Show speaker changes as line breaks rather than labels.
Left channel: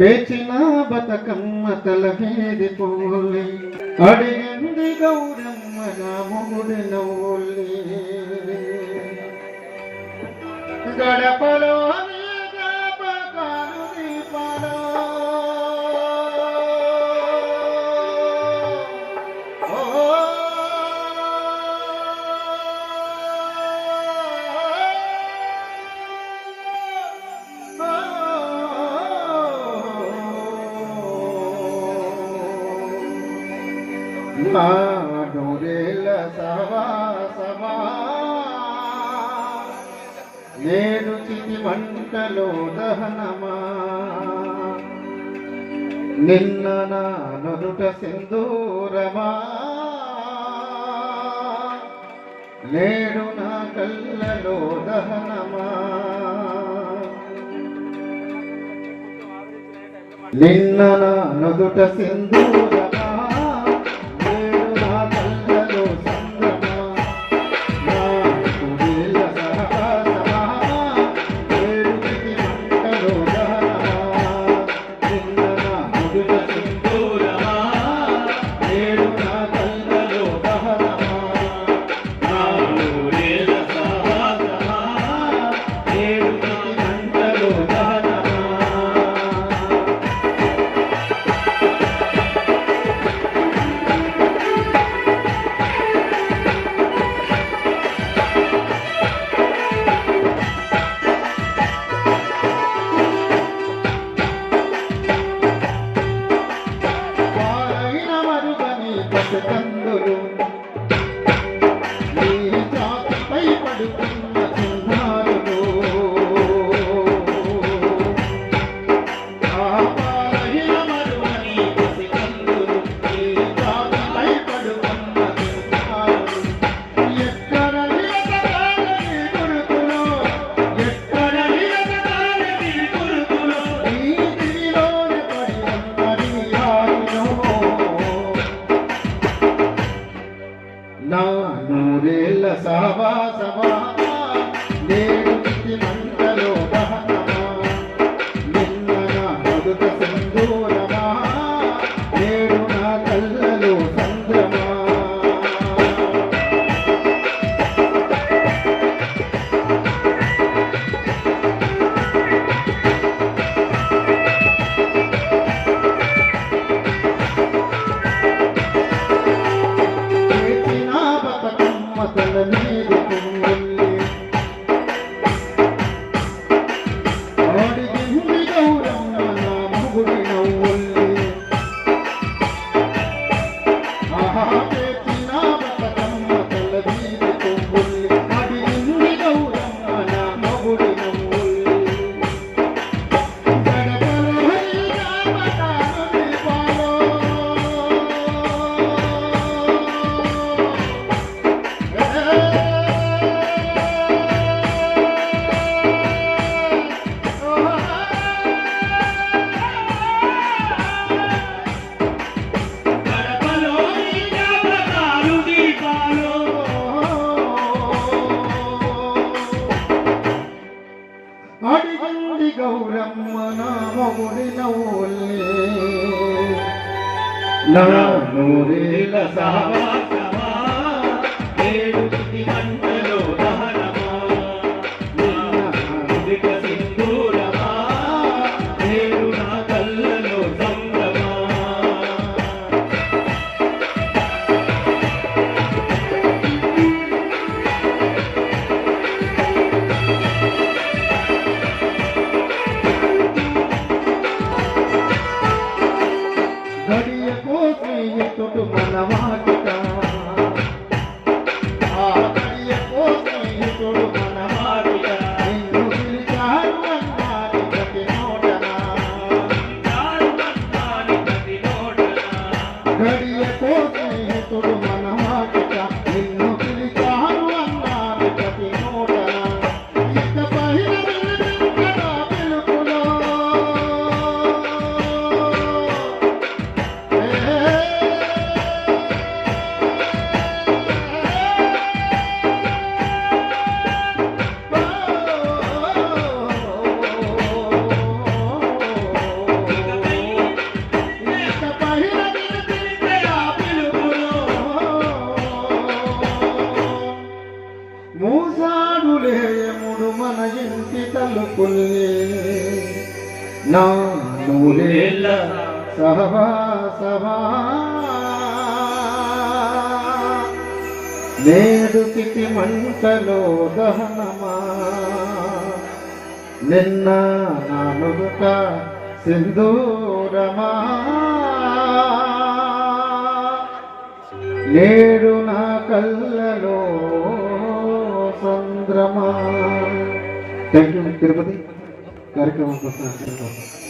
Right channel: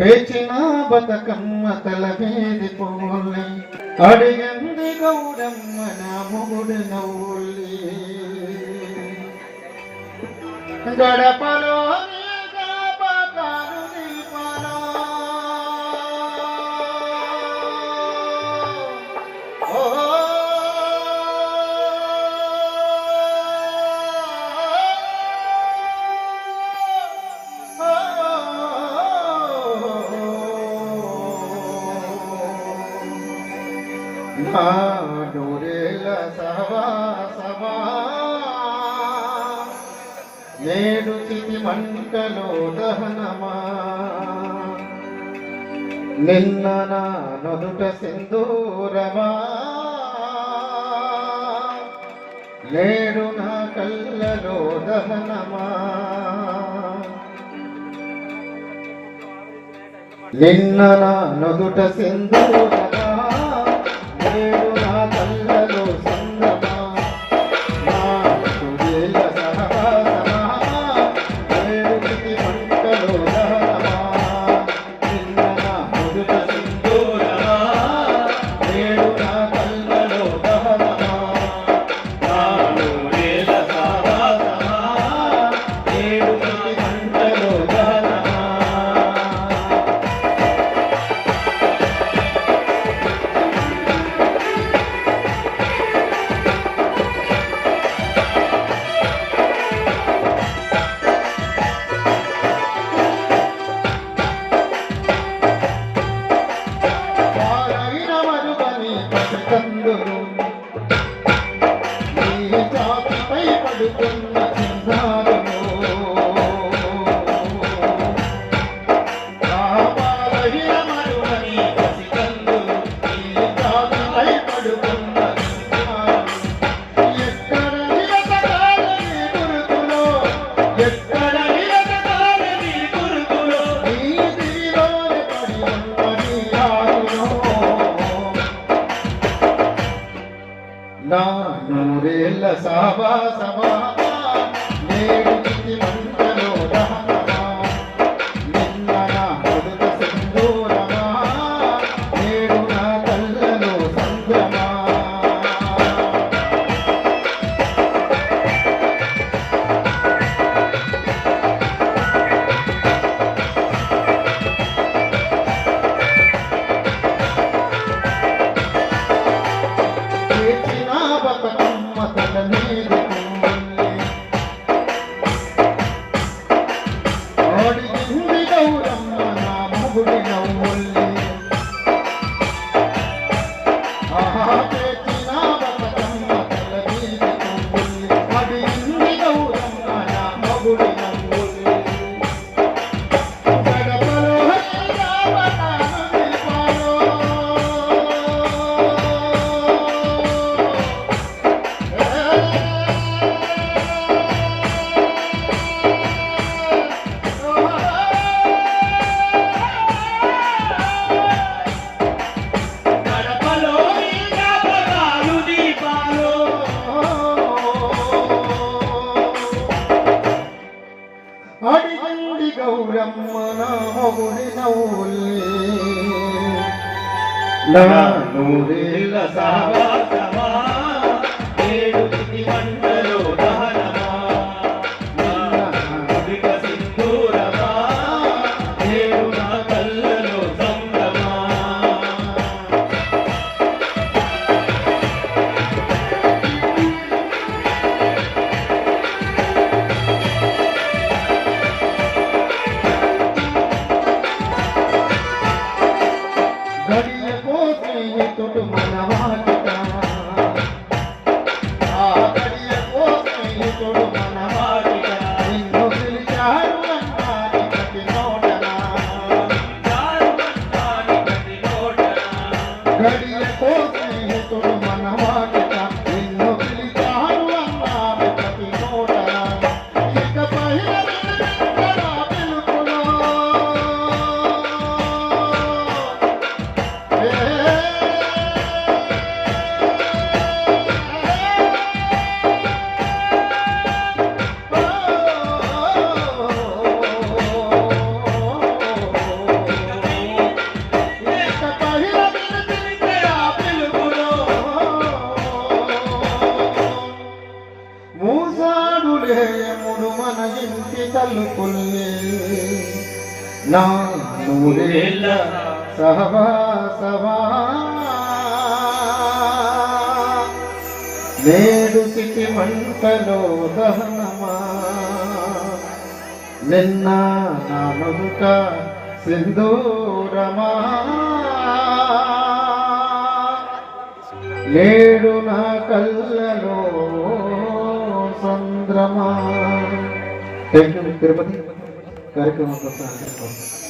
పేచిన బతకమ్మ తల మీది పోల్లి అడిగండి గౌరమ్మ నా మూడి నవ్వుల్లి గడపలో నేడు చితి మంటలో దహనమా నిన్న నా నుదుట సింధూరమా నేడు నా కళ్ళలో దహనమా నిన్న నా నుదుట you. لا نور إلا سهبك నూరేళ్ళ సహవాసమా నేడు చితి మంటలో దహనమా నిన్న నా సింధూరమా నేడు నా కళ్ళలో సంద్రమా థ్యాంక్ తిరుపతి కార్యక్రమం కోసం